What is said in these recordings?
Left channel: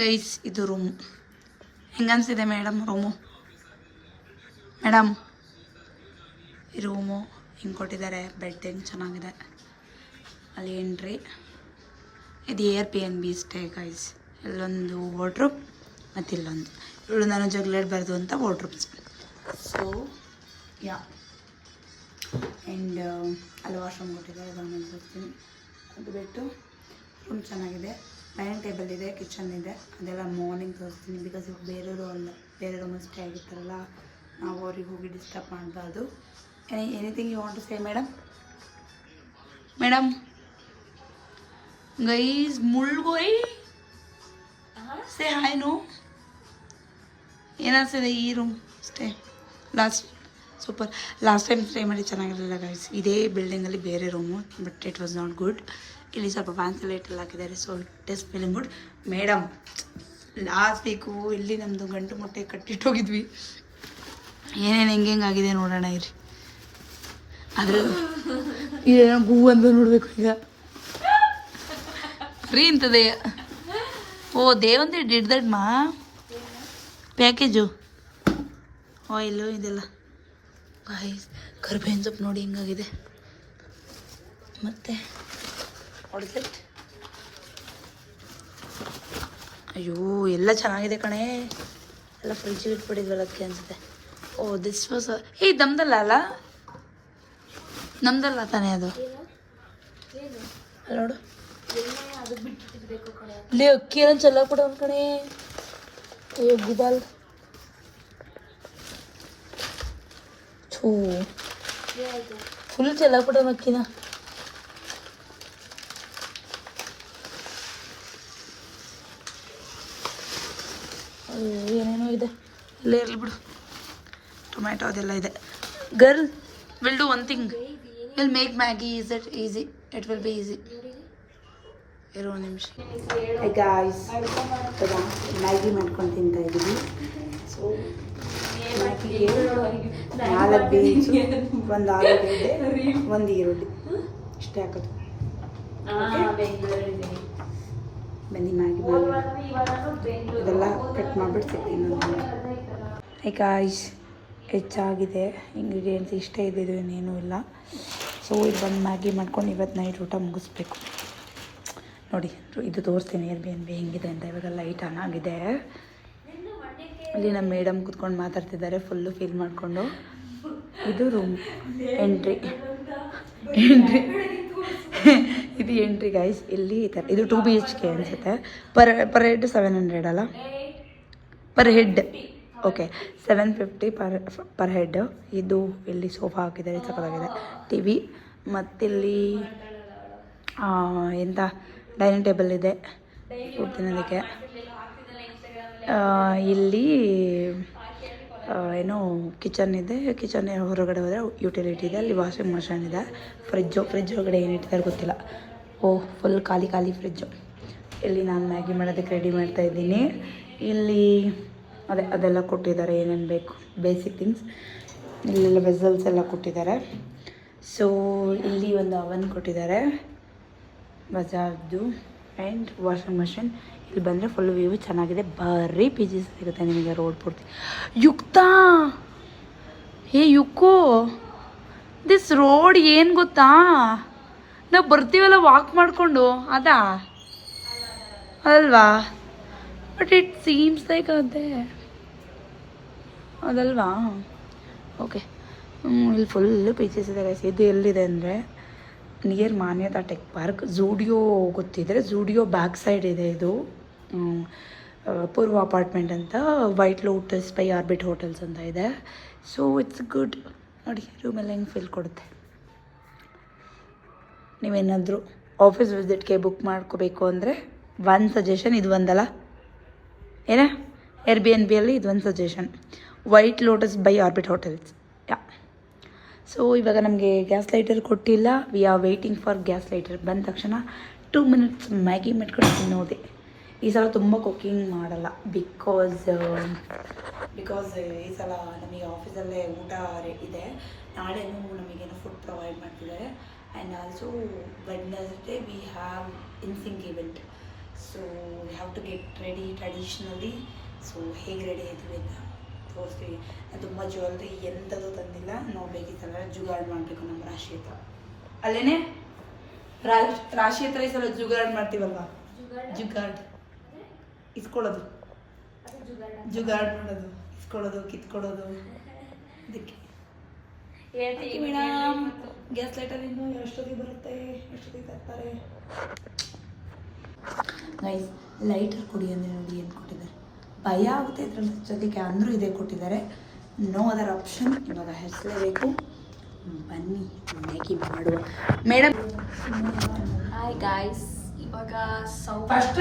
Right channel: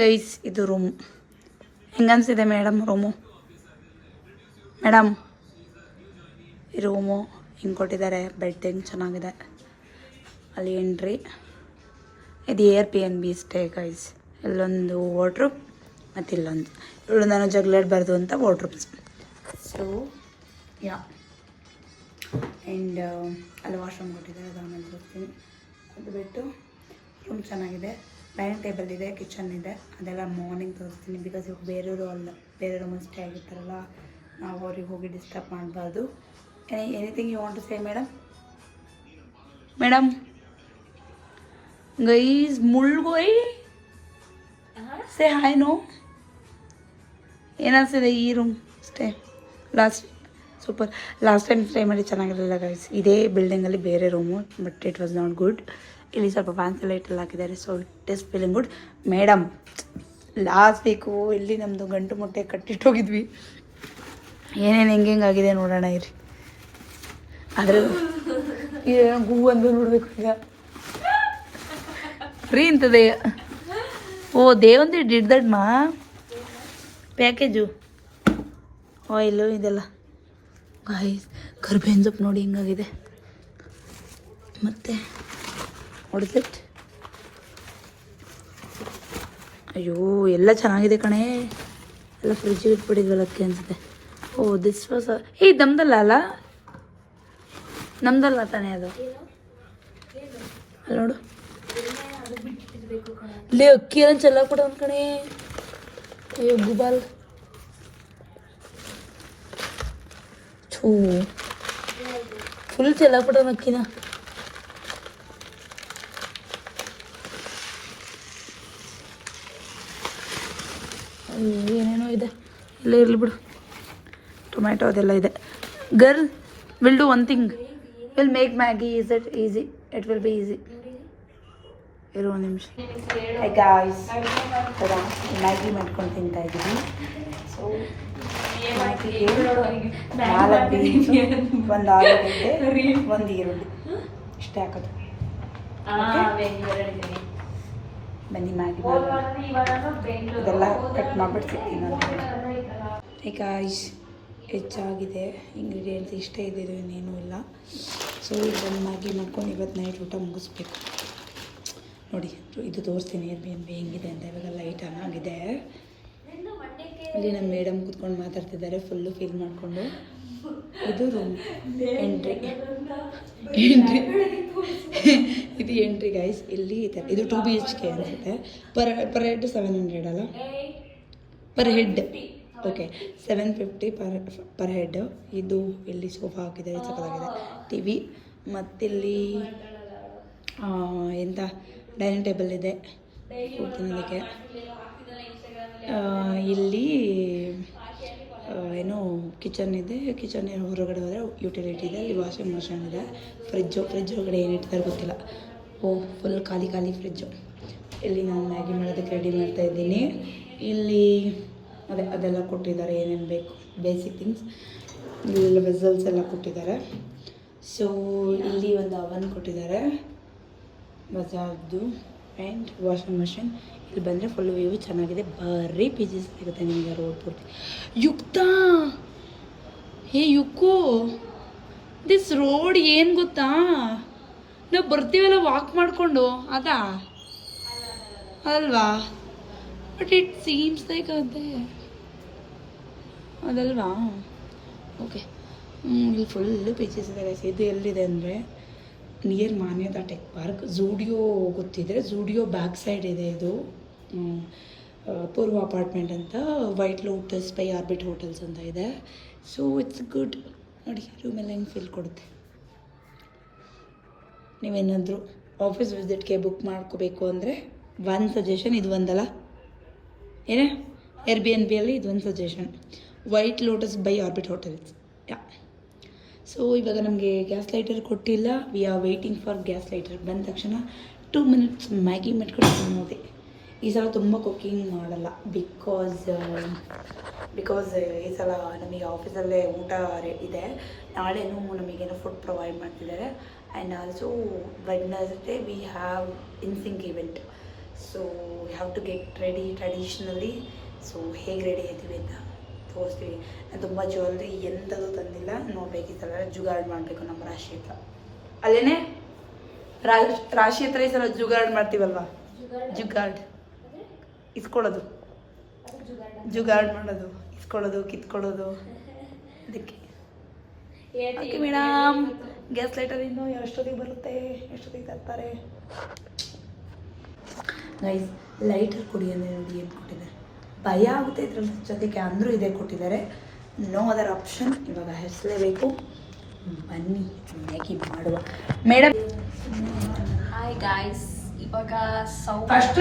Guys ಇದು room ಹೆಂಗನ್ಸಿದೆ madam room? Madam ಈ room ಹಿಂಗೆ ಕೊಟ್ಟಿದ್ದಾರೆ. ಬೆಡ್ ಹೆಂಗೆ ಚೆನ್ನಾಗಿದೆ. ಅಲ್ಲಿ ಎಂಟ್ರಿ. ಇದು Airbnb ಸ್ಟೇ ಗೈಸ್. ಇಲ್ಲೊಂದು ವಾರ್ಡ್ರೋಬ್ ಮತ್ತು ಇಲ್ಲೊಂದು ಇವಳು ನಾನು ಜಗಳಾಡಬಾರ್ದು ಅಂತ ವಾರ್ಡ್ರೋಬ್ಸ್. ಸೊ ಯಾ ಆ್ಯಂಡ್ ಅಲ್ಲಿ ವಾಶ್ರೂಮ್ ಕೊಟ್ಟಿದ್ದಾರೆ. ಅದು ಆಮೇಲೆ ತೋರಿಸ್ತೀನಿ. ಅದು ಬಿಟ್ಟು ರೂಮ್ ಚೆನ್ನಾಗಿದೆ. ಡೈನಿಂಗ್ ಟೇಬಲ್ ಇದೆ, ಕಿಚನ್ ಇದೆ. ಅದೆಲ್ಲ ಮಾರ್ನಿಂಗ್ ತೋರಿಸ್ತೀನಿ. ಬಿಕಾಸ್ ಇವಾಗ ಬೇರೆ ರೂಮಲ್ಲಿ ಸ್ಟೇ ಆಗಿರ್ತಾರಲ್ಲ, ನಾವು ಅವ್ರಿಗೆ ಹೋಗಿ ಡಿಸ್ಟರ್ಬ್ ಮಾಡಬಾರ್ದು. Anything you want to say madam? Guys ಮುಳ್ಗೋಯ್ ಸೇ ಹಾಯ್. ನೋ ಏನಿದೆ ಈ room stay? Super. Last time stay ಮಾಡಿ ಚೆನ್ನಾಗಿರಲಿಲ್ಲ ಗೈಸ್. ಇದೇ ಬಿಲ್ಡಿಂಗಲ್ಲಿ ಬೇರೆ room, but it was not good. ಇಲ್ಲಿ ಸ್ವಲ್ಪ ಫ್ಯಾನ್ಸಿ ಲೈಟೆಲ್ಲ ಹಾಕಿದ್ದಾರೆ. So it is feeling good. Madam last week ಇಲ್ಲಿ ನಮ್ಮದು ಗಂಟು ಮೊಟ್ಟೆ ಕಟ್ಟಿಟ್ಟೋಗಿದ್ವಿ. ಏನೇನು ಹೆಂಗಾಗಿದೆ ನೋಡೋಣ ಇರಿ. ಆದರೆ ಇದೇನೋ ಹೂ ಅಂದು ನೋಡಬೇಕು ಈಗ. ಫ್ರೀ ಇಂಥದ್ದೇ. ಓ ದೇವಂತಿ ಡಿಡ್ ದಟ್ ಮಾ ಪ್ಯಾಕೇಜು ಆಯಿಲು ಇದೆಲ್ಲ. ಕರ್ಬೇವಿನ ಸೊಪ್ಪು ನೋಡಿ ಹಿಂಗಾಗಿದೆ. ಮತ್ತು ಹೊಡೆದಿತ್ತು. ಅಯ್ಯೋ ಎಲ್ಲ ಚೆನ್ನಾಗಿದೆ ಕಣೆ. ಎಲ್ಲ ಫ್ರಿಜ್ಜಿಗೆ ಇಟ್ಬಿಟ್ಟಿದ್ವಲ್ಲ ಅದಕ್ಕೆ ಅನಿಸುತ್ತೆ. ಓ ದಿಸ್ ವಾಸ್ ನಮ್ದಲ್ಲ ಅಲ್ಲ? ನಮ್ದಲ್ಲ ತಾನೇ ಅದು? ನೋಡು ಇಲ್ಲಿ ಅಕ್ಕಿ ಎಲ್ಲ ಚೆಲ್ಲಾಕ್ಬಿಡ ಕಣೆ. ಫುಲ್ ಚೆಲ್ಲಾಕ್ಬಿಡ ಅಕ್ಕಿನ. ಏನೇನೋ ಇದೆ. ಎಲ್ಲ ಇರಲಿ ಬಿಡು. ಟೊಮ್ಯಾಟೊ ಅದೆಲ್ಲ ಇದೆ. Girl will do one thing. Will make Maggi. Is it easy? It will be easy. ಇರೋ ಒಂದು ನಿಮಿಷ. ಹೈ ಗಾಯ್ಸ್, ಮ್ಯಾಗಿ ಮಾಡ್ಕೊಂಡು ತಿಂತಾ ಇದ್ದೀವಿ. ಸೊ ಮ್ಯಾಗಿಗೆ 4 ಬೀನ್ಸು, 1 ಆಲೂಗಡ್ಡೆ, 1 ಈರುಳ್ಳಿ ಇಷ್ಟೇ ಹಾಕೋದು. ಬನ್ನಿ ಮ್ಯಾಗಿ ಮಾಡೋಣ. ಇದೆಲ್ಲ ಕಟ್ ಮಾಡಿಬಿಟ್ಟು ಸಿಗ್ತೀನಿ ನಾನು. ಹೈ ಗಾಯ್ಸ್, ಹೆಚ್ಚಾಗಿದೆ. ಇಂಗ್ರೀಡಿಯೆಂಟ್ಸ್ ಇಷ್ಟೇ ಇದ್ದಿದ್ದು, ಇನ್ನೇನೂ ಇಲ್ಲ. ಸೊ ಇಲ್ಲಿ ಬಂದು ಮ್ಯಾಗಿ ಮಾಡ್ಕೊಂಡು ಇವತ್ತು ನೈಟ್ ಊಟ ಮುಗಿಸ್ಬೇಕು. ನೋಡಿ ಇದು ತೋರಿಸ್ತೀನಿ Airbnb ಹೆಂಗಿದೆ ಅಂತ. ಇವಾಗ ಲೈಟ್ ಆನ್ ಆಗಿದೆ. ಅಲ್ಲಿ ನಮ್ಮ ಮೇಡಮ್ ಕೂತ್ಕೊಂಡು ಮಾತಾಡ್ತಿದ್ದಾರೆ ಫುಲ್ಲು ಫೀಲ್ ಮಾಡಿಕೊಂಡು. ಇದು ರೂಮ್ ಎಂಟ್ರಿ. ಇದು ಎಂಟ್ರಿ ಗೈಸ್. ಇಲ್ಲಿ ಈ ಥರ ಇದು 2 BHK ಅನಿಸುತ್ತೆ. ಪರ್ ಹೆಡ್ 700 ಅಲ್ಲ? Per head okay 750 per head. ಇದು ಇಲ್ಲಿ ಸೋಫಾ ಹಾಕಿದ್ದಾರೆ, ಸಕ್ಕತ್ತಾಗಿದೆ. ಟಿ ವಿ ಮತ್ತಿಲ್ಲಿ ಎಂಥ ಡೈನಿಂಗ್ ಟೇಬಲ್ ಇದೆ ಫುಡ್ ತಿನ್ನೋದಕ್ಕೆ. ಇಲ್ಲಿ ಏನೋ ಕಿಚನ್ ಇದೆ. ಕಿಚನ್ ಹೊರಗಡೆ ಹೋದರೆ ಯುಟಿಲಿಟಿ ಇದೆ. ಅಲ್ಲಿ ವಾಷಿಂಗ್ ಮಷೀನ್ ಇದೆ. ಫ್ರಿಜ್ ಒಳಗಡೆ ಏನಿಟ್ಟಿದ್ದಾರೆ ಗೊತ್ತಿಲ್ಲ. ಓಹ್ ಫುಲ್ ಖಾಲಿ ಫ್ರಿಜ್ಜು. ಇಲ್ಲಿ ನಾನು ಮ್ಯಾಗಿ ಮಾಡೋದಕ್ಕೆ ರೆಡಿ ಮಾಡ್ತಾಯಿದ್ದೀನಿ. ಇಲ್ಲಿ ಅದೆಲ್ಲ ಕೊಟ್ಟಿದ್ದಾರೆ, ಏನೇನು ಬೇಕು ಬೇಸಿಕ್ ಥಿಂಗ್ಸ್. ಇಲ್ಲೆಲ್ಲ ವೆಸಲ್ಸ್ ಎಲ್ಲ ಕೊಟ್ಟಿದ್ದಾರೆ. ಸೊ ಇಲ್ಲಿ ಒಂದು ಅವನ್ ಕೊಟ್ಟಿದ್ದಾರೆ ಬಜಾಜ್ದು ಆ್ಯಂಡ್ ವಾಷಿಂಗ್ ಮಷಿನ್. ಇಲ್ಲಿ ಬಂದರೆ ಫುಲ್ ವ್ಯೂ ಚೆನ್ನಾಗಿದೆ. ಬರೀ ಪೀಜಸ್ ಸಿಗುತ್ತೆ ನಿಮಗೆ ರೋಡ್ ಪೂರ್ತಿ. ಯುಕ್ತಾ ಯುಕ್ಕು, ದಿಸ್ ರೋಡ್ ಏನು ಗೊತ್ತಾ, ನಾವು ಬರ್ತೀವಲ್ಲ ವಾಕ್ ಮಾಡಿಕೊಂಡು ಅದಾ ಅದಲ್ವಾ? ಬಟ್ ಇಟ್ ಸೀಮ್ಸ್ ಲೈಕ್ ಅದಲ್ವಾ? ಓಕೆ ಇಲ್ಲಿ ಫುಲ್ಲು ಪೀಚಸ್ ಇದೆ ಗೈಸ್. ಇದು ಎಲ್ಲಿದೆ ಅಂದರೆ near Manyata tech park. Zudio ಗೊತ್ತಿದ್ರೆ ಝೂಡಿಯೋ ಬ್ಯಾಕ್ ಸೈಡ್ ಇದೆ ಇದು. ಪೂರ್ವ ಅಪಾರ್ಟ್ಮೆಂಟ್ ಅಂತ, White Lotus by Orbit Hotels ಅಂತ ಇದೆ. So it's good. ನೋಡಿ ರೂಮೆಲ್ಲ ಹೆಂಗೆ ಫೀಲ್ ಕೊಡುತ್ತೆ. ನೀವೇನಾದರೂ ಆಫೀಸ್ ವಿಸಿಟ್ಗೆ ಬುಕ್ ಮಾಡ್ಕೋಬೇಕು ಅಂದರೆ ಒಂದು ಸಜೆಷನ್ ಇದು ಒಂದಲ್ಲ ಏನೇ Airbnb ಇದು ಒಂದು suggestion. White Lotus by Orbit hotels. Yeah so ಇವಾಗ ನಮಗೆ ಗ್ಯಾಸ್ ಲೈಟರ್ ಕೊಟ್ಟಿಲ್ಲ. We are waiting for gas lighter. ಬಂದ ತಕ್ಷಣ 2 ಮಿನಿಟ್ಸ್ ಮ್ಯಾಗಿ ಮಾಡ್ಕೊಂಡು ತಿನ್ನೋದೆ. ಈ ಸಲ ತುಂಬ ಕುಕ್ಕಿಂಗ್ ಮಾಡಲ್ಲ. ಬಿಕಾಸ್ ಈ ಸಲ ನಮಗೆ ಆಫೀಸಲ್ಲೇ ಊಟ ಇದೆ. ನಾಳೆನೂ ನಮಗೇನೋ ಫುಡ್ ಪ್ರೊವೈಡ್ ಮಾಡ್ತಿದ್ದಾರೆ. And also Wednesday we have ಇನ್ಸಿಂಗ್ event. So have to get ready traditionally. So ಹೇಗೆ ರೆಡಿ ಆಯ್ತೀವಿ ಅಂತ ತೋರಿಸ್ತೀವಿ. ನಾನು ತುಂಬ ಜ್ಯುವೆಲ್ರಿ ಎಂಥದ್ದು ತಂದಿಲ್ಲ, ನೋಡಬೇಕಿತ್ತಲ್ಲ ಜುಗಾಡ್ ಮಾಡಬೇಕು ನಮ್ಮ ರಾಶಿ ಹತ್ರ. ಅಲ್ಲೇನೆ ರಾಶಿ ಹತ್ರ ಈ ಸಲ ಜುಗಾಡ್ ಮಾಡ್ತೀವಲ್ವಾ, ಜುಗಾಡ್ ಇಸ್ಕೊಳ್ಳೋದು, ಜುಗಾಡ್ ಮಾಡೋದು, ಇಸ್ಕೊಳ್ಳೋದು, ಕಿತ್ಕೊಳ್ಳೋದು. ಅದಕ್ಕೆ ಮೇಡಮ್ ಗ್ಯಾಸ್ ಲೈಟರ್ ಇನ್ನು ಎಷ್ಟೊತ್ತಿಗೆ ಬರುತ್ತೆ, ಎಷ್ಟೊತ್ತಿಗೆ ತರ್ತಾರೆ. ನೈಸ್ ಲೈಟರ್ ಕೊಡಿ ಅಂದರೆ ನೋಡಿ ಏನು ಕೊಟ್ಟಿದ್ದಾರೆ. ಭಯ ಆಗುತ್ತೆ ಇದ್ರ ಜೊತೆಗೆ ಅಂದರೂ ಇದೇ ಕೊಟ್ಟಿದ್ದಾರೆ. No other option. ಇವಾಗ ಹೆಸಲೇಬೇಕು. ಬನ್ನಿ ಮ್ಯಾಗಿ ಮಾಡುವ. ಮೇಡಮ್ ಹಾಯ್ ಗಾಯ್ಸ್, ಇವಾಗ first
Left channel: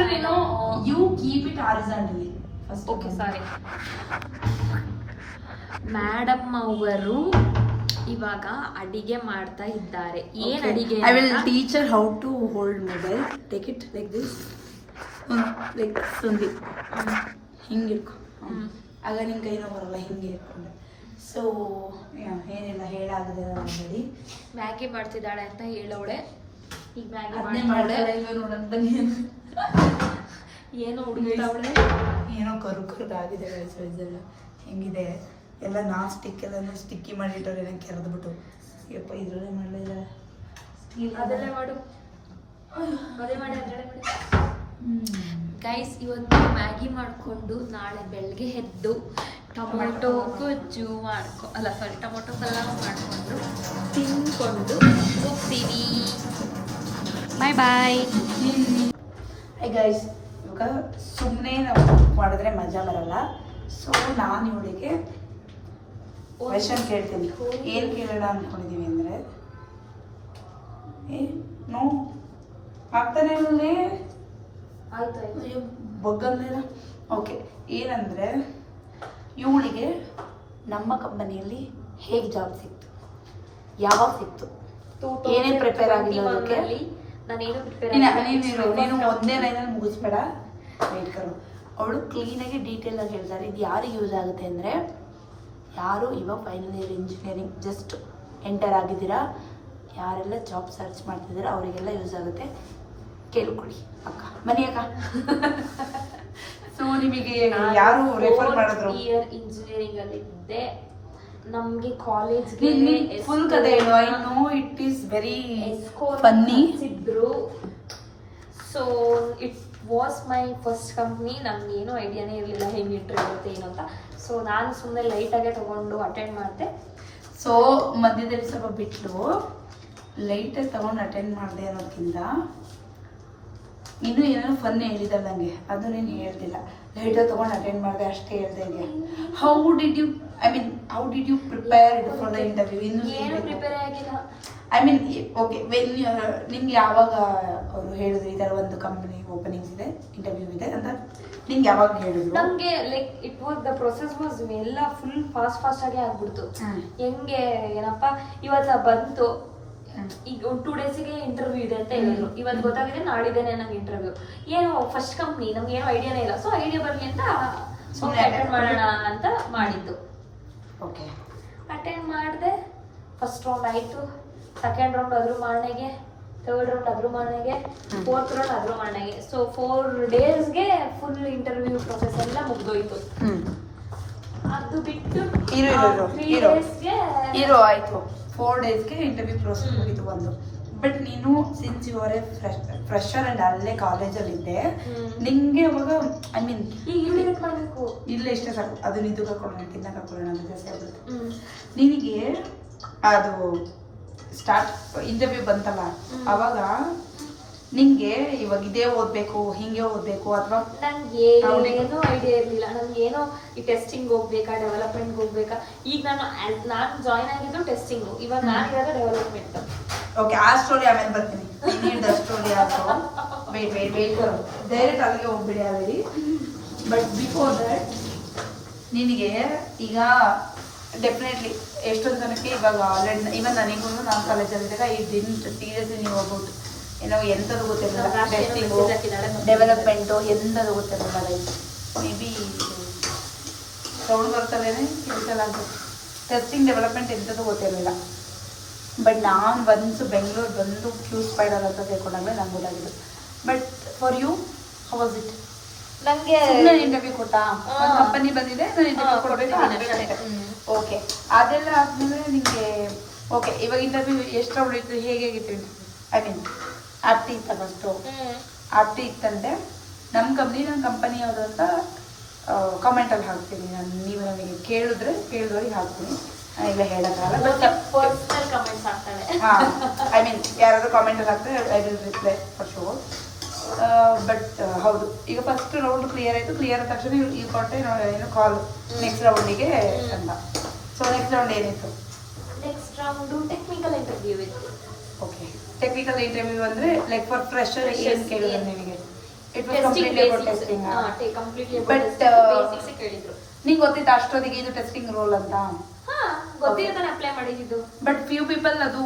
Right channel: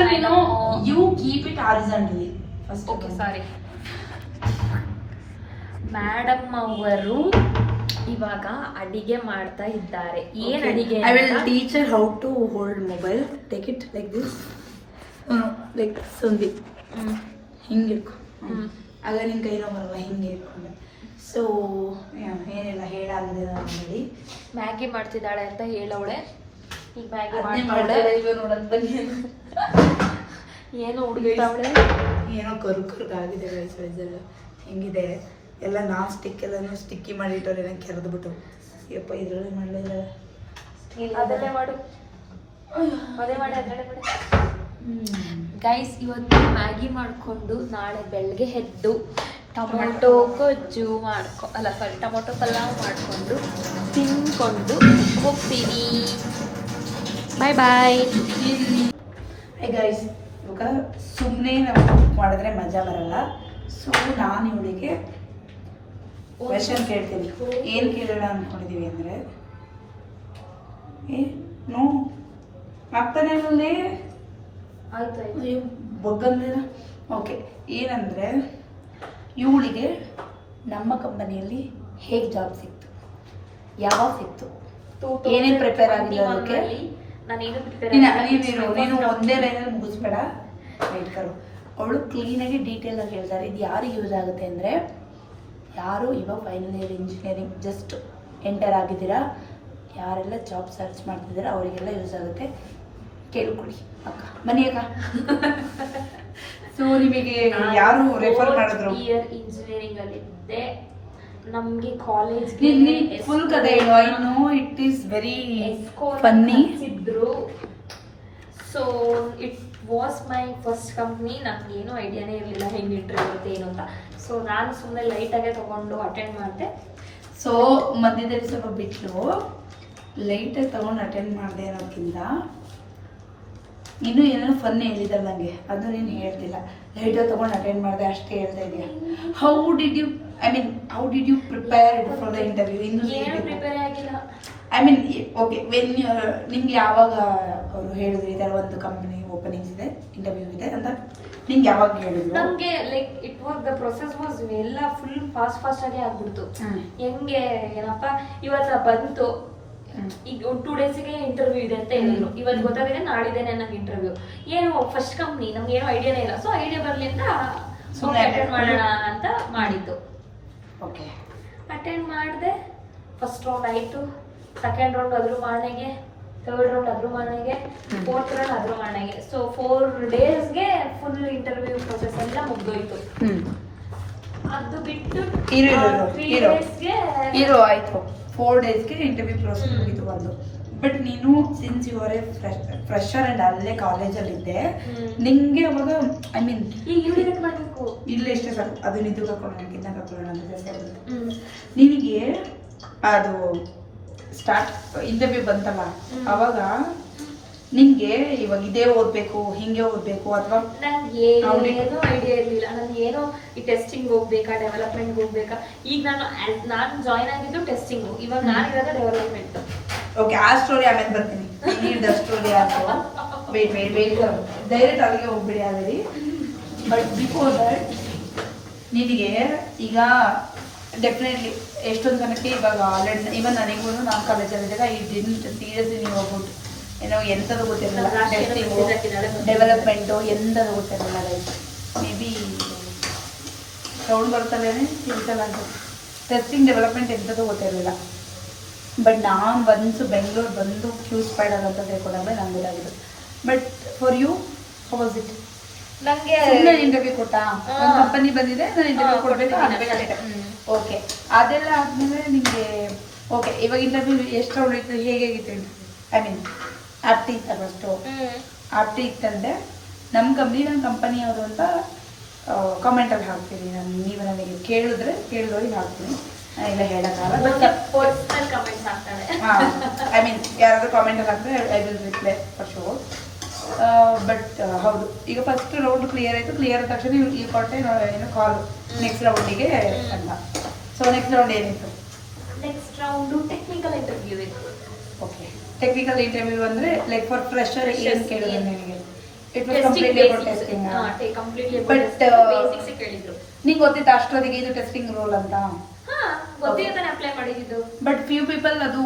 you keep it horizontally. Okay sorry. Madam ಅವರು ಇವಾಗ ಅಡಿಗೆ ಮಾಡ್ತಾ ಇದ್ದಾರೆ. ಏನ್ ಅಡಿಗೆ? I will teach her how to hold mobile. Take it like this, like ಸಂದಿ ಹಿಂಗೆ ಇಟ್ಕೊ. ಆಗ ನಿನ್ನ ಕೈನೋ ಬರಲ್ಲ, ಹಿಂಗೆ ಇಟ್ಕೊಂಡು. ಸೊ ಏನೆಲ್ಲ ಹೇಳಾಗಿದೆ ನೋಡಿ. ಮ್ಯಾಗಿ ಮಾಡ್ತಿದ್ದಾಳೆ ಅಂತ ಹೇಳವಳೆ. ಈ ಮ್ಯಾಗಿ ಮಾಡ್ತಾಳೆ ಇವ ನೋಡಂದಂಗೆ ಏನು ಹುಡುಗ ಏನೋ ಕರ್ಗಾಗಿದೆ ವಯಸ್ಸೆಲ್ಲ ಹೆಂಗಿದೆ ಎಲ್ಲ. ನಾನ್ ಸ್ಟಿಕ್ ಎಲ್ಲ ಸ್ಟಿಕ್ಕಿ ಮಾಡಿಟ್ಟವ್ರೆ ನಂಗೆ ಕೆರೆದ್ಬಿಟ್ಟು. ಯಪ್ಪ ಇದರಲ್ಲೇ ಮಾಡಲಿಲ್ಲ. ಅದನ್ನೇ ಮಾಡು, ಅದೇ ಮಾಡಿ. ಗೈಸ್ ಇವತ್ತು ಮ್ಯಾಗಿ ಮಾಡಿಕೊಂಡು ನಾಳೆ ಬೆಳಗ್ಗೆ ಎದ್ದು ಟೊಮೊಟೊ ಗೊಜ್ಜು ಟೊಮೊಟೊ ಪಲಾವ್ ಮಾಡಿಕೊಂಡು ತಿನ್ಕೊಂಡು ಹೋಗ್ತೀವಿ. ಬಾಯ್ ಬಾಯ್. ಹೇ ಗೈಸ್, ಇವಾಗ ಸುಮ್ಮನೆ ನಾವು ಮಾಡಿದ್ರೆ ಮಜಾ ಬರಲ್ಲ. ಸೊ ನಾನು ಇವಳಿಗೆ ಕ್ವೆಶ್ಚನ್ ಕೇಳ್ತೀನಿ. ಏನು ಕೇಳೋಣ ಅಂದ್ಕೊಂಡಿದ್ದೀವಿ ಅಂದರೆ, ನೋ ಆಗ್ತಾನೆ ಆಮೇಲೆ ಬಗ್ಗಂದಿಲ್ಲ. ಓಕೆ, ಏನಂದರೆ ಇವಳಿಗೆ ನಮ್ಮ ಕಂಪನಿಯಲ್ಲಿ ಹೇಗೆ ಜಾಬ್ ಸಿಕ್ತು, ಯಾವಾಗ ಸಿಕ್ತು, ಏನೇನು ಪ್ರಿಪೇರ್ ಆಗಿದೆ ಅದಕ್ಕೆ. ನೀನು ಒಂದೇ ಲೈನಲ್ಲಿ ಮುಗಿಸ್ಬೇಡ, ಇಟ್ಕರು. ಅವಳು ಕ್ಲೀನಾಗಿ ಡೀಟೇಲಾಗಿ ಹೇಳ್ತಾರೆ. ಇದು ಯಾರಿಗೆ ಯೂಸ್ ಆಗುತ್ತೆ ಅಂದರೆ, ಯಾರು ಇವಾಗ final year engineering just enter ಆಗಿದ್ದೀರಾ, ಯಾರೆಲ್ಲ ಜಾಬ್ ಸರ್ಚ್ ಮಾಡ್ತಿದ್ದೀರಾ ಅವರಿಗೆಲ್ಲ ಯೂಸ್ ಆಗುತ್ತೆ. ಕೇಳ್ಕೊಳ್ಳಿ ಅಕ್ಕ, ಬನ್ನಿ ಅಕ್ಕ. ಸೊ ನಿಮಗೆ ಯಾರು ರೆಫರ್ ಮಾಡಿದ್ರು? ಇಂಜಿನಿಯರಿಂಗ್ ಅಲ್ಲಿ ಇದ್ದೆ, ನಮಗೆ ಕಾಲೇಜ್ ಫುಲ್ ಕಥೆ ಹೇಳು. I know it is very funny ಇದ್ರು. So it was my first company. ನಮ್ಗೇನು ಐಡಿಯಾನೇ ಇರಲಿಲ್ಲ ಹೆಂಗೆ ಇಂಟರ್ವ್ಯೂ ಇರುತ್ತೆ ಏನು ಅಂತ. ಸೊ ನಾನು ಸುಮ್ಮನೆ ಲೈಟಾಗೆ ತೊಗೊಂಡು ಅಟೆಂಡ್ ಮಾಡಿದೆ. ಸೊ ಮಧ್ಯದಲ್ಲಿ ಸ್ವಲ್ಪ ಬಿಟ್ಟು ಲೈಟಾಗಿ ತೊಗೊಂಡು ಅಟೆಂಡ್ ಮಾಡಿದೆ ಅನ್ನೋದಕ್ಕಿಂತ ಇನ್ನೂ ಏನೇನೋ ಫನ್ ಹೇಳಿದಲ್ಲ ನನಗೆ, ಅದು ನೀನು ಹೇಳ್ತಿಲ್ಲ. ಲೈಟಾಗಿ ತೊಗೊಂಡು ಅಟೆಂಡ್ ಮಾಡಿದೆ ಅಷ್ಟೇ ಹೇಳ್ತಾ ಇದೆಯಾ. How did you prepare for the interview? ಇನ್ನೂ ಪ್ರಿಪೇರ್ ಆಗಿಲ್ಲ. ಐ ಮೀನ್ ಓಕೆ, ನಿಮ್ಗೆ ಯಾವಾಗ ಅವರು ಹೇಳಿದ್ರು ಈ ಥರ ಒಂದು ಕಂಪ್ನಿ ಓಪನಿಂಗ್ಸ್ ಇದೆ, ಇಂಟರ್ವ್ಯೂ ಇದೆ ಅಂತ ನಿಂಗೆ ಯಾವಾಗ ಹೇಳಿದ್ರು? ನಮಗೆ like it was the process was ಎಲ್ಲ ಫುಲ್ ಫಾಸ್ಟ್ ಆಗಿ ಆಗ್ಬಿಡ್ತು. ಹೆಂಗೆ ಏನಪ್ಪ ಇವತ್ತು ಬಂತು, ಈಗ 2 ಡೇಸ್ಗೆ ಇಂಟರ್ವ್ಯೂ ಇದೆ ಅಂತ ಹೇಳಿದ್ರು. ಇವತ್ತು ಗೊತ್ತಾಗಿದೆ ನಾಳಿದ್ದೇನೆ ನಂಗೆ ಇಂಟರ್ವ್ಯೂ. ಏನು ಫಸ್ಟ್ ಕಂಪ್ನಿ, ನಮ್ಗೆ ಏನೋ ಐಡಿಯಾನೇ ಇಲ್ಲ. ಸೊ ಐಡಿಯಾ ಬರಲಿ ಅಂತ ಅಟೆಂಡ್ ಮಾಡೋಣ ಅಂತ ಮಾಡಿದ್ದು. ಓಕೆ, ಅಟೆಂಡ್ ಮಾಡಿದೆ. ಫಸ್ಟ್ ರೌಂಡ್ ಆಯಿತು, ಸೆಕೆಂಡ್ ರೌಂಡ್ ಅದ್ರ ಮಾರ್ನೆಗೆ, ಥರ್ಡ್ ರೌಂಡ್ ಅದ್ರ ಮಾರ್ನೆಗೆ, ಫೋರ್ತ್ ರೌಂಡ್ ಅದ್ರ ಮಾರ್ನೆಗೆ. ಸೊ 4 ಡೇಸ್ಗೆ ಫುಲ್ ಇಂಟರ್ವ್ಯೂ ಪ್ರೊಸೆಸ್ ಎಲ್ಲ ಮುಗ್ದೋಯ್ತು. ಅದು ಬಿಟ್ಟು ಹೀರೋ ಆಯಿತು. 4 ಡೇಸ್ಗೆ ಇಂಟರ್ವ್ಯೂ ಪ್ರೊಸೆಸ್ ಮುಗಿತು ಒಂದು. ಬಟ್ ನೀನು since you are a fresher and ಅಲ್ಲೇ ಕಾಲೇಜಲ್ಲಿದ್ದೆ, ನಿಂಗೆ ಅವಾಗ ಐ ಮೀನ್ ಇಲ್ಲ ಇಷ್ಟೇ ಸರ್, ಅದು ನಿದ್ದು ಹಾಕೊಳ್ಳೋಣ ಕಿನ್ನ ಹಾಕೊಳ್ಳೋಣ ಅಂತ ಜಾಸ್ತಿ. ನಿನಗೆ ಅದು ಸ್ಟಾರ್ಟ್ ಇಂಟರ್ವ್ಯೂ ಬಂತಲ್ಲ, ಅವಾಗ ನಿಂಗೆ ಇವಾಗ ಇದೇ ಓದಬೇಕು ಹಿಂಗೆ ಓದಬೇಕು ಅಥವಾ ಏನೋ ಐಡಿಯಾ ಇರಲಿಲ್ಲ. ನನಗೇನೋ ಈ ಟೆಸ್ಟಿಂಗ್ ಹೋಗ್ಬೇಕಾ, ಡೆವಲಪ್ಮೆಂಟ್ಗೆ ಹೋಗ್ಬೇಕಾ. ಈಗ ನಾನು ಜಾಯ್ನ್ ಆಗಿದ್ದು ಟೆಸ್ಟಿಂಗು, ಇವಾಗ ನಾನು ಇರೋದು ಡೆವಲಪ್ಮೆಂಟ್. ಓಕೆ, ಆ ಸ್ಟೋರಿ ಆಮೇಲೆ ಬರ್ತೀನಿ. Need story also. Wait direct ಅಲ್ಲಿಗೆ ಹೋಗ್ಬೇಡಿ ಆಲ್ರೆಡಿ. ಬಟ್ ಬಿಫೋರ್ ದಟ್ ನಿನಗೆ ಈಗ ಡೆಫಿನೆಟ್ಲಿ ಎಷ್ಟೊಂದು ಜನಕ್ಕೆ ಇವಾಗ ಆಲ್ರೆಡಿ ಇವನ್ ನನಗೂ ನಮ್ಮ ಕಾಲೇಜಲ್ಲಿದ್ದಾಗ ಈ ಡಿಂಟ್ ಸೀರಿಯಸ್ಲಿ ನೀವು ಹೋಗ್ಬಿಟ್ಟು ಏನೋ ಎಂಥದ್ದು ಗೊತ್ತಿರಲಿಲ್ಲ. ಟೆಸ್ಟಿಂಗು ಡೆವಲಪ್ಮೆಂಟು ಎಂಥದ್ದು ಗೊತ್ತಿರಲಿಲ್ಲ. ಮೇ ಬಿ ಅವಳು ಬರ್ತಾರೇನೆ ತಿಳ್ಸಲ್ಲ ಅಂತ. ಟೆಸ್ಟಿಂಗ್ ಡೆವಲಪ್ಮೆಂಟ್ ಎಂಥದ್ದು ಗೊತ್ತಿರಲಿಲ್ಲ. ಬಟ್ ನಾನು ಒನ್ಸ್ ಬೆಂಗಳೂರು ಬಂದು ಕ್ಯೂ ಸ್ಪೈಡಲ್ ಅಂತ ತಿಳ್ಕೊಂಡಾಗಲೇ ನಂಗೆ ಗೊತ್ತಾಗಿದ್ದು. But for you how was it? ನಂಗೆ ಸುಮ್ಮನೆ ಇಂಟರ್ವ್ಯೂ ಕೊಟ್ಟಾ ಒಂದು ಕಂಪನಿ ಬಂದಿದೆ ನಾನು ಇಂಟರ್ವ್ಯೂ ಕೊಡಬೇಕು ಅನ್ಬೇಕಷ್ಟೇ. ಓಕೆ, ಅದೆಲ್ಲ ಆದಮೇಲೆ ನಿಮಗೆ ಓಕೆ ಇವಾಗ ಇಂಟರ್ವ್ಯೂ ಎಷ್ಟು ರೌಂಡ್ ಇತ್ತು, ಹೇಗಿತ್ತು? ಐ ಮೀನ್ ಆಪ್ಟಿ ಇತ್ತ ಫಸ್ಟು. ಆಪ್ಟಿ ಇತ್ತಂದರೆ ನಮ್ಮ ಕಂಪನಿಯವರು ಅಂತ ಕಾಮೆಂಟಲ್ಲಿ ಹಾಕ್ತೀನಿ ನಾನು. ನೀವು ನನಗೆ ಕೇಳಿದವ್ರಿಗೆ ಹಾಕ್ತೀನಿ, ಇಲ್ಲ ಹೇಳೋಕ್ಕಾಗಲ್ಲ. ಹಾಂ, ಐ ಮೀನ್ ಯಾರಾದರೂ ಕಾಮೆಂಟಲ್ಲಿ ಹಾಕಿದ್ರೆ I will reply for sure. But ಹೌದು, ಈಗ ಫಸ್ಟ್ ರೌಂಡ್ ಕ್ಲಿಯರ್ ಆಯಿತು. ಕ್ಲಿಯರ್ ಆದ ತಕ್ಷಣ ಈ ಕೊಟ್ಟೆ ಏನು ಕಾಲ್ ನೆಕ್ಸ್ಟ್ ರೌಂಡಿಗೆ ಅಂತ. ಸೊ ನೆಕ್ಸ್ಟ್ ರೌಂಡ್ ಏನಿತ್ತು? ನೆಕ್ಸ್ಟ್ ರೌಂಡು ಟೆಕ್ನಿಕಲ್ ಇಂಟರ್ವ್ಯೂ ಇತ್ತು. ಓಕೆ, ಟೆಕ್ನಿಕಲ್ ಇಂಟರ್ವ್ಯೂ ಅಂದರೆ ಲೈಕ್ ಫಾರ್ ಫ್ರೆಶರ್ ಏನು ಕೇಳಿದ್ರು ನಿಮಗೆ? It was completely about testing. But ನಿಂಗೆ ಗೊತ್ತಿತ್ತು ಅಷ್ಟೊತ್ತಿಗೆ ಇದು ಟೆಸ್ಟಿಂಗ್ ರೋಲ್ ಅಂತ? ಅಪ್ಲೈ ಮಾಡಿದ್ದು. ಬಟ್ ಫ್ಯೂ ಪೀಪಲ್ ಅದು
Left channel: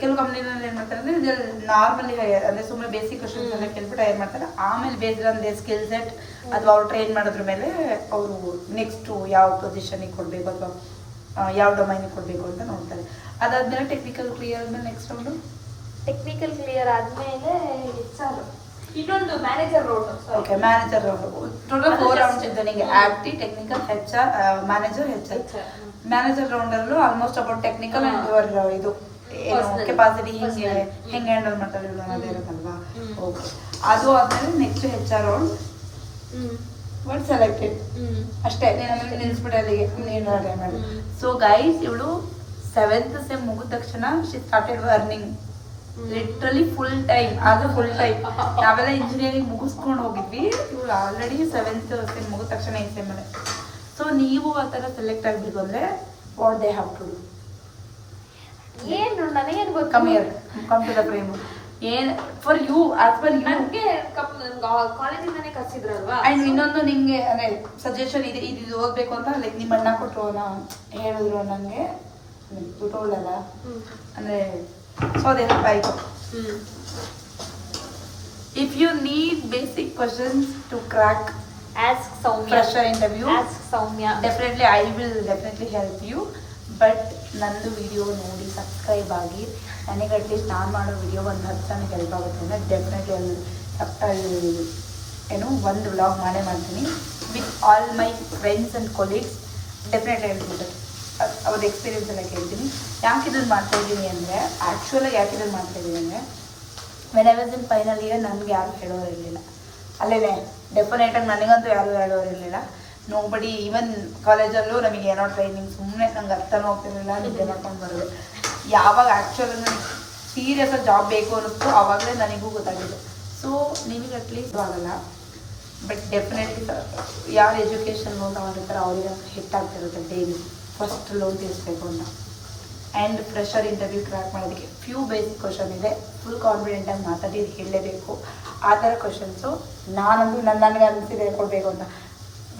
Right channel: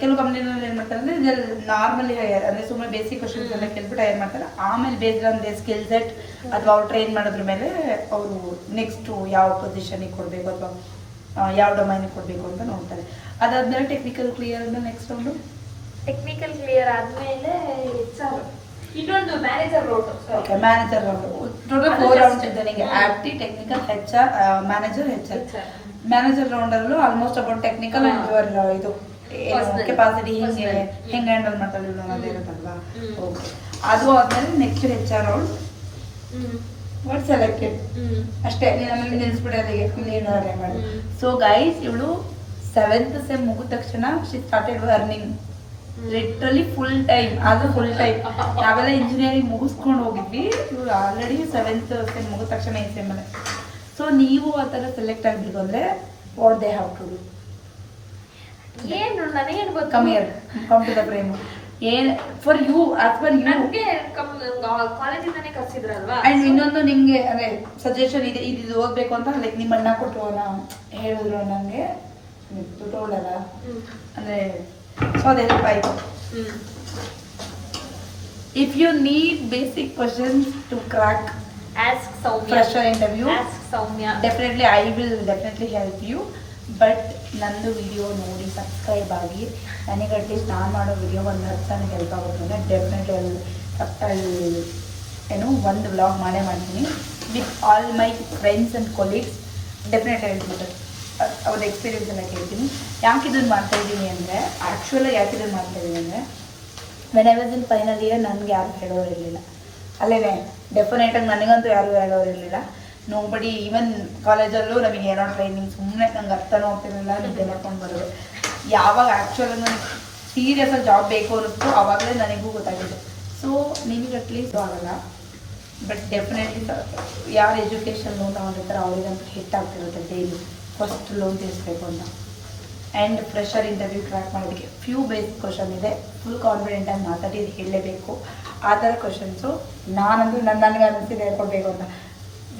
ಕೆಲವು ಕಂಪ್ನಿನಲ್ಲಿ ಏನು ಮಾಡ್ತಾರೆ ಅಂದರೆ ನಾರ್ಮಲಿ ಹೈಯರ್ ಅಂದರೆ ಸುಮ್ಮನೆ ಬೇಸಿಕ್ ಕ್ವಶನ್ಸ್ ಎಲ್ಲ ಕೇಳ್ಬಿಟ್ಟು ಹೈಯರ್ ಮಾಡ್ತಾರೆ. ಆಮೇಲೆ based on they skill set ಅಥವಾ ಅವ್ರು ಟ್ರೈನ್ ಮಾಡೋದ್ರ ಮೇಲೆ ಅವರು ನೆಕ್ಸ್ಟು ಯಾವ ಪೊಸಿಷನಿಗೆ ಕೊಡಬೇಕು ಅಥವಾ ಯಾವ ಡೊಮೈನಿಗೆ ಕೊಡಬೇಕು ಅಂತ ನೋಡ್ತಾರೆ. ಅದಾದ್ಮೇಲೆ ಟೆಕ್ನಿಕಲ್ ಕ್ಲಿಯರ್ ಆದ್ಮೇಲೆ ನೆಕ್ಸ್ಟ್ ರೌಂಡು ಟೆಕ್ನಿಕಲ್ ಕ್ಲಿಯರ್ ಆದಮೇಲೆ ಇನ್ನೊಂದು manager round. Okay, manager round. Total 4 rounds ಇದೆ ನಿಮಗೆ: ಆಕ್ಟಿ, technical, HR, manager, HR. Manager ರೌಂಡಲ್ಲೂ almost about technical and your ಇದು ಏನು ಕೆಪಾಸಿಟಿ ಹೆಂಗೆ ಹ್ಯಾಂಡಲ್ ಮಾಡ್ತಾರೆ ಅನ್ನೋದು ಇರುತ್ತಲ್ವಾ. ಓಕೆ, ಅದು ಆದಮೇಲೆ next HR round. What selected ಅಷ್ಟೇ, ನಮಗೆ ನಿಲ್ಲಿಸ್ಬಿಟ್ಟು ಅಲ್ಲಿಗೆ ನೀನು ಮಾಡಿ. ಸೊ ಗೈಸ್, ಇವಳು 7th ಸೆಮ್ ಮುಗಿದ ತಕ್ಷಣ she started earning literally full time. ಅದು ಫುಲ್ ಟೈಮ್. ನಾವೆಲ್ಲ ಇಂಜಿನಿಯರಿಂಗ್ ಮುಗಿಸ್ಕೊಂಡು ಹೋಗಿದ್ವಿ, ಇವ್ರು ಆಲ್ರೆಡಿ 7th ಸೆಮ್ ಮುಗಿದ ತಕ್ಷಣ ಈ ಸೆಮ್ಮಲ್ಲಿ. ಸೊ ನೀವು ಆ ಥರ ಸೆಲೆಕ್ಟ್ ಆಗಬೇಕು ಅಂದರೆ what they have to do? ಏನು ನನಗೇನು ಗೊತ್ತು. Come to the frame. ಏನು for you as per you. ನನಗೆ ಕಾಲೇಜಿಂದನೇ ಕರ್ಸಿದ್ರಲ್ವಾ. ಆ್ಯಂಡ್ ಇನ್ನೊಂದು ನಿಮಗೆ ಅದೇ ಸಜೆಷನ್ ಇದೆ, ಇದು ಓದಬೇಕು ಅಂತ ಲೈಕ್ ನಿಮ್ಮ ಅಣ್ಣ ಕೊಟ್ಟರು ಹೇಳಿದ್ರು ನನಗೆ ಟೋಲಲ್ಲ ಅಂದರೆ. ಸೊ ಅದೇ ಆಯಿತು. If you need basic questions to crack Ask Soumya. Fresher interview. Ask Soumya. Definitely, I will definitely help you. But ನಂದು ವಿಡಿಯೋ ನೋಡಿ ಸಬ್ಸ್ಕ್ರೈಬ್ ಆಗಿ. ನನಗೆ ಅಟ್ಲೀಸ್ಟ್ ನಾನು ಮಾಡೋ ವಿಡಿಯೋ ಒಂದು 10 ಜನಕ್ಕೆ ಹೆಲ್ಪ್ ಆಗುತ್ತೆ ಅಂದರೆ ಡೆಫಿನೆಟ್ಲಿ ಏನು ಒಂದು ವ್ಲಾಗ್ ಮಾಡೇ ಮಾಡ್ತೀನಿ with all my friends and colleagues. Definitely ಹೇಳ್ಬೋದು, ಅವ್ರ ಎಕ್ಸ್ಪೀರಿಯನ್ಸ್ ಎಲ್ಲ ಕೇಳ್ತೀನಿ. ಯಾಕೆ ಇದನ್ನು ಮಾಡ್ತಾಯಿದ್ದೀನಿ ಅಂದರೆ ಆ್ಯಕ್ಚುಲಾಗಿ ಯಾಕೆ ಇದನ್ನು ಮಾಡ್ತಾಯಿದ್ದೀನಿ ಅಂದರೆ when I was in final year ನನಗೆ ಯಾರು ಹೇಳೋರಿರಲಿಲ್ಲ. ಅಲ್ಲೇ ಡೆಫಿನೆಟಾಗಿ ನನಗಂತೂ ಯಾರು ಹೇಳೋರಿರಲಿಲ್ಲ. ನೋಬಡಿ. ಈವನ್ ಕಾಲೇಜಲ್ಲೂ ನಮಗೆ ಏನೋ ಟ್ರೈನಿಂಗ್ ಸುಮ್ಮನೆ ನಂಗೆ ಅರ್ಥನೂ ಆಗ್ತಿರಲಿಲ್ಲ, ನಿದ್ದೆ ಮಾಡ್ಕೊಂಡು ಬರೋದು. ಯಾವಾಗ ಆ್ಯಕ್ಚುಲಾಗಿ ನನಗೆ ಸೀರಿಯಸ್ಸಾಗಿ ಜಾಬ್ ಬೇಕು ಅನ್ನಿಸ್ತು ಆವಾಗಲೇ ನನಗೂ ಗೊತ್ತಾಗಿದ್ದು. ಸೊ ನಿಮಗೆ ಅಟ್ಲೀಸ್ಟ್ ಆಗಲ್ಲ, ಬಟ್ ಡೆಫಿನೆಟ್ಲಿ ಯಾರು ಎಜುಕೇಷನ್ ಲೋನ್ ತೊಗೊಂಡಿರ್ತಾರೆ ಅವರಿಗಂತೂ ಹಿಟ್ಟಾಗ್ತಿರುತ್ತೆ ಡೈಲಿ ಫಸ್ಟ್ ಲೋನ್ ತೀರಿಸ್ಬೇಕು ಅಂತ. ಆ್ಯಂಡ್ ಫ್ರೆಶರ್ ಇಂಟರ್ವ್ಯೂ ಕ್ರ್ಯಾಕ್ ಮಾಡೋದಕ್ಕೆ ಫ್ಯೂ ಬೇಸಿಕ್ ಕ್ವಶನ್ ಇದೆ. ಫುಲ್ ಕಾನ್ಫಿಡೆಂಟಾಗಿ ಮಾತಾಡಿ ಹೇಳಲೇಬೇಕು ಆ ಥರ ಕ್ವಶನ್ಸು. ನಾನಂತೂ ನನಗೆ ಅನಿಸಿದೆ ಹೇಳ್ಕೊಡ್ಬೇಕು ಅಂತ.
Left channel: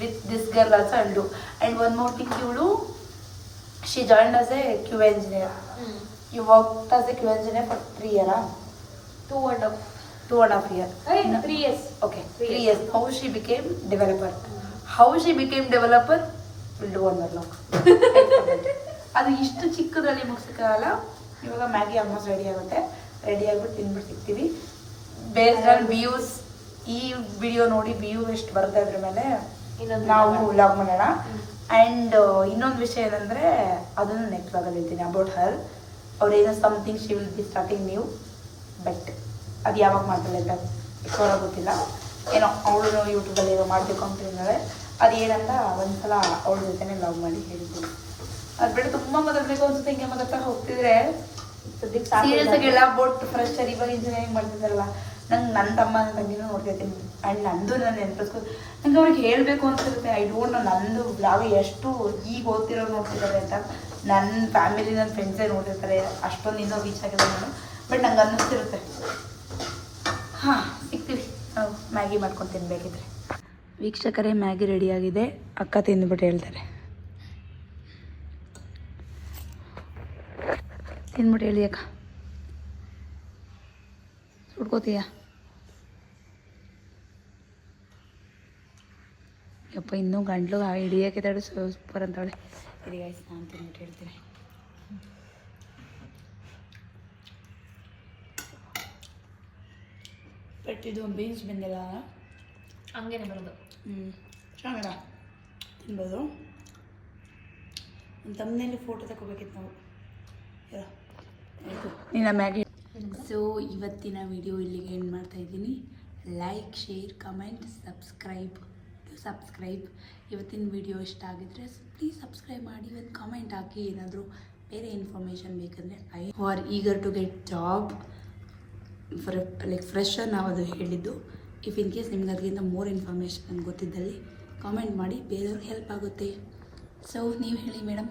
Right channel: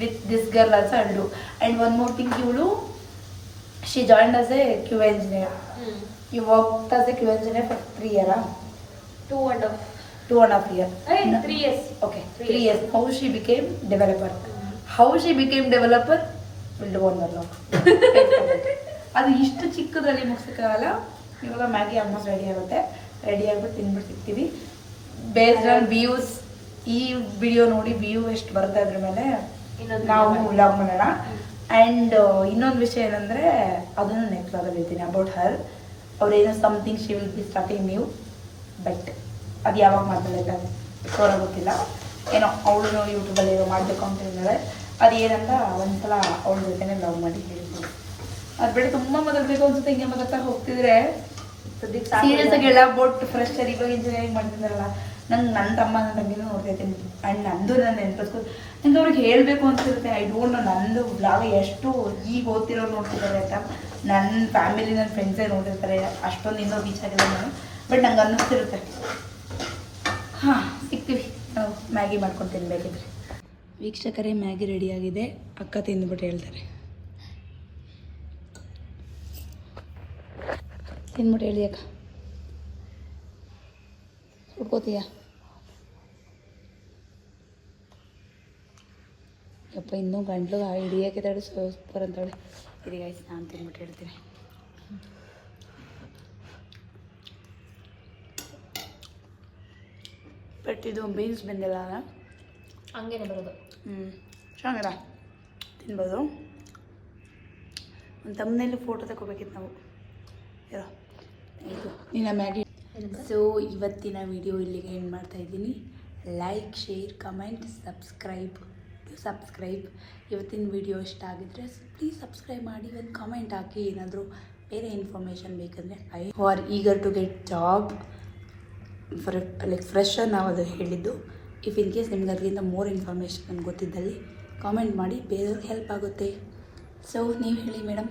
With this girl also I will do. And one more thing, ಇವಳು she joined as a QA engineer. You worked as a QA engineer for 3 years? 2.5 years. 3 years. Okay, 3 years. How she became developer? How she became developer? We'll do one more vlog. ಅದು ಇಷ್ಟು ಚಿಕ್ಕದ್ರಲ್ಲಿ ಮುಗಿಸೋಕ್ಕಾಗಲ್ಲ. ಇವಾಗ Maggi almost ready ಆಗುತ್ತೆ. Ready ಆಗಿಬಿಟ್ಟು ತಿಂದ್ಬಿಟ್ಟು ಸಿಗ್ತೀವಿ. Based on views, ಈ video ನೋಡಿ view ಎಷ್ಟು ಬರುತ್ತೆ ಅದ್ರ ಮೇಲೆ ನಾವು ವ್ಲಾಗ್ ಮಾಡೋಣ. ಆ್ಯಂಡ್ ಇನ್ನೊಂದು ವಿಷಯ ಏನಂದರೆ ಅದನ್ನು ನೆಕ್ಸ್ಟ್ ವ್ಲಾಗಲ್ಲಿ ಹೇಳ್ತೀನಿ ಅಬೌಟ್ ಹರ್. ಅವ್ರೇನೋ something she will be starting new, but ಅದು ಯಾವಾಗ ಮಾಡ್ತಾಳೆ ಅಂತ ಶೋರ ಗೊತ್ತಿಲ್ಲ. ಏನೋ ಅವಳು ಯೂಟ್ಯೂಬಲ್ಲಿ ಏನೋ ಮಾಡಬೇಕು ಅಂತ ಇದ್ದಾಳೆ. ಅದು ಏನಂತ ಒಂದ್ಸಲ ಅವಳ ಜೊತೆನೇ ವ್ಲಾಗ್ ಮಾಡಿ ಹೇಳ್ತೀನಿ. ಅದು ಬೇಡ ತುಂಬ ಮಾತಾಡಬೇಕು ಅನ್ಸುತ್ತೆ. ಹಿಂಗೆ ಮಾತಾಡ್ತಾ ಹೋಗ್ತಿದ್ರೆ ಸೀರಿಯಸ್ ಆಗಿ ಎಲ್ಲ ಅಬೌಟ್ ಫ್ರೆಶರ್ ಇವಾಗ ಇಂಜಿನಿಯರಿಂಗ್ ಮಾಡ್ತಿದ್ದಾರಲ್ಲ, ನಂಗೆ ನನ್ನ ತಮ್ಮ ನನ್ನ ತಂಗಿನೂ ನೋಡ್ತಾ ಇದ್ದೀನಿ. ಆ್ಯಂಡ್ ನಂದು ನಾನು ನೆನಪಿಸ್ಕೊಂಡು ನಂಗೆ ಅವ್ರಿಗೆ ಹೇಳಬೇಕು ಅನ್ಸಿರುತ್ತೆ. ಐ ಡೋಂಟ್ ನೋ ನಂದು ಬ್ಲಾಗ್ ಎಷ್ಟು ಈಗ ಓದ್ತಿರೋರು ನೋಡ್ತಿದ್ದಾರೆ ಅಂತ. ನನ್ನ ಫ್ಯಾಮಿಲಿ ನನ್ನ ಫ್ರೆಂಡ್ಸೇ ನೋಡಿರ್ತಾರೆ, ಅಷ್ಟೊಂದು ಇನ್ನೂ ರೀಚ್ ಆಗಿಲ್ಲ ನಾನು. ಬಟ್ ನಂಗೆ ಅನ್ನಿಸ್ತಿರುತ್ತೆ. ಹಾಂ, ಸಿಗ್ತೀವಿ ನಾವು ಮ್ಯಾಗಿ ಮಾಡ್ಕೊಂಡು ತಿನ್ಬೇಕಿದ್ರೆ. ವೀಕ್ಷಕರೇ, ಮ್ಯಾಗಿ ರೆಡಿಯಾಗಿದೆ. ಅಕ್ಕ ತಿಂದ್ಬಿಟ್ಟು ಹೇಳ್ತಾರೆ. ತಿಂದ್ಬಿಟ್ಟು ಹೇಳಿ ಅಕ್ಕ. ಸುಡ್ಕೋತೀಯಾ? ಯಪ್ಪ, ಇನ್ನೂ ಗಂಟ್ಲು ಹಿಡಿಯೋಕೆ ತಡೆ ಸೂಪರ್ ಅಂತವಳೆ. ಗೈಸ್, ನಾನು ತಿಂದ್ಬಿಟ್ಟು ಹೇಳ್ತೀನಿ. ಬಟ್ ಇದು ಬೀನ್ಸ್ ಬಂದಿಲ್ಲ, ಹಂಗೇನೆ ಬರೋದು. ಚೆನ್ನಾಗಲ್ಲ ತಿನ್ಬೋದು. ಒಂದು ತಮ್ಮನೇಲಿ ಫೋಟೋ ತಗೋಬೇಕಿತ್ತು ನಾವು. ಇರೋ ಆಯಿತು ನಿನ್ನ ಮ್ಯಾಗಿ. ಸೊ ಇವತ್ತಿನ ವಿಡಿಯೋ ಇಲ್ಲಿಗೆ ಎಂಡ್ ಮಾಡ್ತಾಯಿದ್ದೀನಿ. Like, share, comment, subscribe. ಇವತ್ತಿನ ವಿಡಿಯೋ ಇಷ್ಟ ಆಗಿದ್ರೆ ಪ್ಲೀಸ್ ಸಬ್ಸ್ಕ್ರೈಬ್ ಮಾಡಿ, ಒಂದು ಕಾಮೆಂಟ್ ಹಾಕಿ. ಏನಾದರೂ ಬೇರೆ ಇನ್ಫಾರ್ಮೇಷನ್ ಬೇಕಂದರೆ are eager to get job fresher ನಾವು ಅದು ಹೇಳಿದ್ದು. ಇಫ್ ಇನ್ ಕೇಸ್ ನಿಮ್ಗೆ ಅದಕ್ಕಿಂತ ಮೋರ್ ಇನ್ಫಾರ್ಮೇಷನ್ ಗೊತ್ತಿದ್ದಲ್ಲಿ ಕಾಮೆಂಟ್ ಮಾಡಿ, ಬೇರೆಯವ್ರಿಗೆ ಹೆಲ್ಪ್ ಆಗುತ್ತೆ. ಸೊ ನೀವು ಹೇಳಿ ಮೇಡಮ್.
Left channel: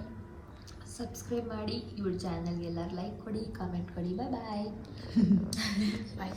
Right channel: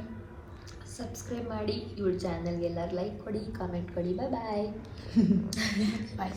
ಸಬ್ಸ್ಕ್ರೈಬ್ ಮಾಡಿ, ಇವ್ರ ಚಾನಲ್ಗೆ ಎಲ್ಲರೂ ಲೈಕ್ ಕೊಡಿ, ಕಾಮೆಂಟ್ ಕೊಡಿ. ಬಾಯ್ ಬಾಯ್.